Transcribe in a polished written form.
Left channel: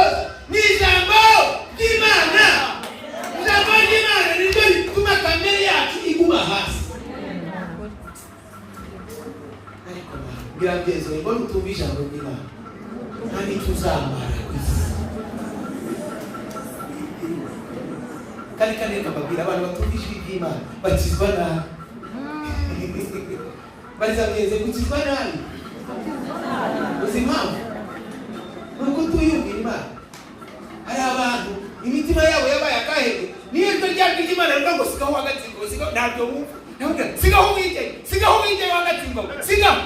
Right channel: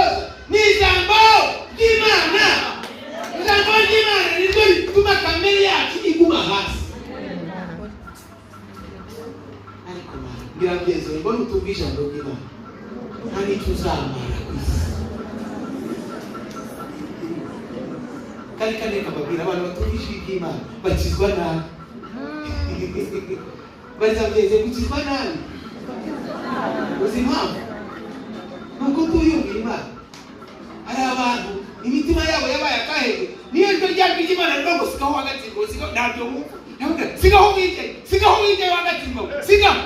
gusoza ni ijambo ry'Imana. Ijambo ry'Imana niryo rituma kamere yacu iguma hasi. Ariko birabyezo ngo nutumva ijambo ry'Imana nani tuzamara kwisi. Kali kababwira abantu batumva ijwi ry'Imana bakizwa nabi. Bazabweze kukizwa nabi. Uzimpamvu nuko tuyumvira Imana. Hari abantu imitima yabo yabaye akahege niyo ryo ryajwi ry'Imana rivuga ngo sigaho hagati ngo sigaho ntabyo wumva. Sigaho wite hagati ngo sigaho